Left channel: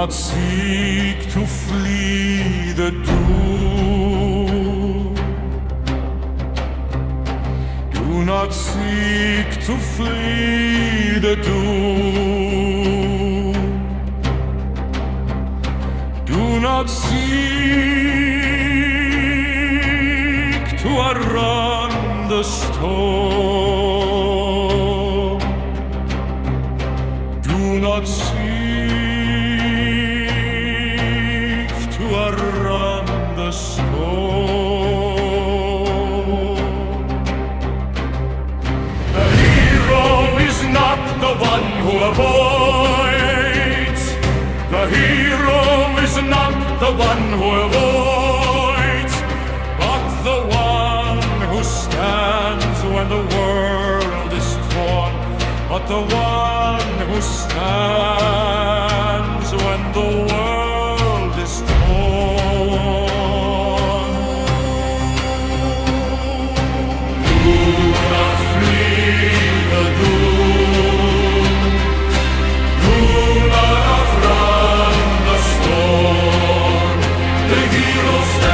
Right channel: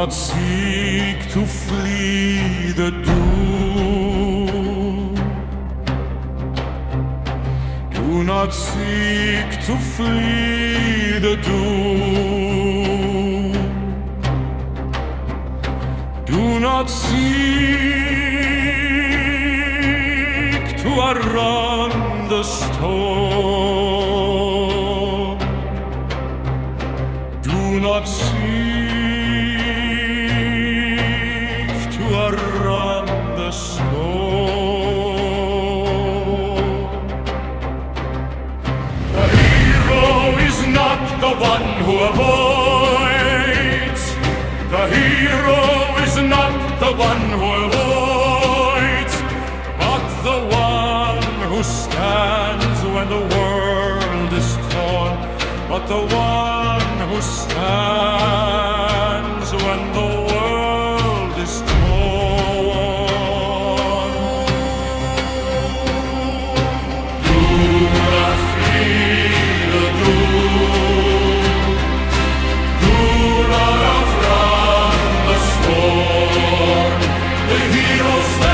not seek to flee the doom. Do not seek to flee the doom. Do not seek to outrun the storm. Do not seek to outrun the storm. The hero is not the one who avoids. The hero is not the one who avoids, but the one who stands when the world is torn. But the one who stands when the world is torn. Do not flee the doom. Do not outrun the storm. The hero stands